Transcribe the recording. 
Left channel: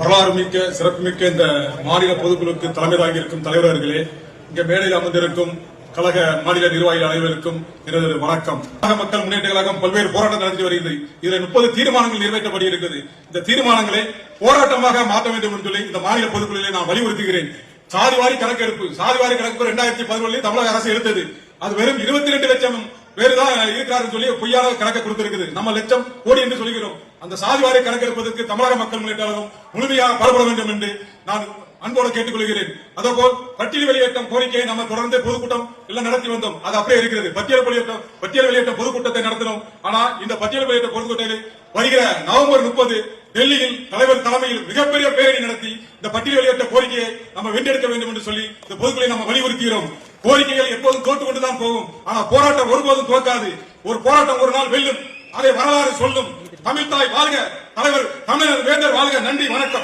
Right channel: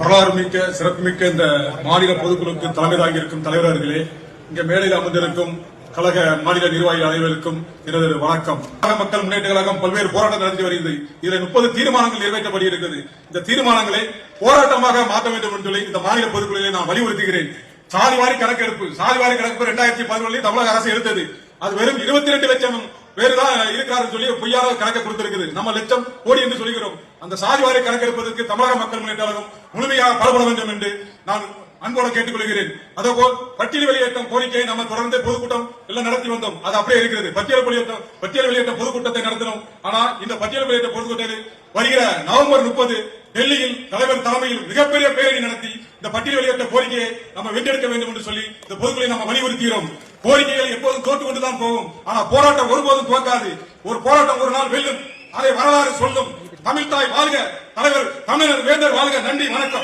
வரலாறு மிக்க சிறப்புமிக்க இந்த மாநில பொதுக்குழுக்கு தலைமையாக இருக்கும் தலைவர் அவர்களே இங்க மேடையில் அமர்ந்திருக்கும் கழக மாநில நிர்வாகிகள் அனைவருக்கும் எனது வணக்கம். மக்கள் முன்னேற்ற கழகம் பல்வேறு போராட்டம் நடத்தி வருகிறது. இதில் முப்பது தீர்மானங்கள் நிறைவேற்றப்படி இருக்கிறது. இந்த தீர்மானங்களை போராட்டமாக மாற்ற வேண்டும் என்று சொல்லி இந்த மாநில பொதுக்குழுவை நான் வலியுறுத்துகிறேன். சாதிவாரி கணக்கெடுப்பு சாதிவாரி கணக்கெடுப்பு இரண்டாயிரத்தி பதினொன்றில் தமிழக அரசு எடுத்தது. அது வெறும் இருபத்தி ரெண்டு லட்சம் வேறுதான் இருக்கிறார் சொல்லி பொய்யாக கணக்கை கொடுத்திருக்குது. நம்ம லட்சம் கோடி என்று சொல்கிறோம் அந்த சாதிவாரி கணக்கெடுப்பதற்கு தமிழக மக்கள் முன்னேற்றம் முழுமையாக பரப்பட வேண்டும் என்று நான் அன்போடு கேட்டுக்கொள்கிறேன். அதேபோல் பட்டியல் வெளியேற்றம் கோரிக்கையை நம்ம தொடர்ந்து பொதுக்கூட்டம் எல்லாம் நடத்தி வந்தோம். அது அப்படியே இருக்கிறது. பட்டியல் வெளியேற்றம் பட்டியல் வெளியேற்றம் பொதுக்கூட்டத்தை நடத்தினோம். ஆனா இந்த பட்டியல் வெளியேற்ற பொதுக்கூட்டத்தில் வருகிற நவம்பர் முப்பது டெல்லியில் தலைவர் தலைமையில் மிகப்பெரிய பேரணி நடத்தி இந்த பட்டியல் வெளியேற்ற கோரிக்கையை நம்ம வென்றெடுக்க வேண்டும் என்று சொல்லி இந்த பொதுக்களை நம்ம வலியுறுத்துகிறோம். கோரிக்கைகள் எப்போதும் தோற்று கொண்டுதான் போகும். ஆனா போராட்டம் ஒருபோதும் தோற்காது ஒரு போராட்டம் ஒரு நாள் வெல்லும். அதை வரலாறு சொல்லும். தமிழ்தாய் வாழ்க. தலைவர் தமிழர் வேந்தர் வாழ்க. நன்றி வணக்கம்.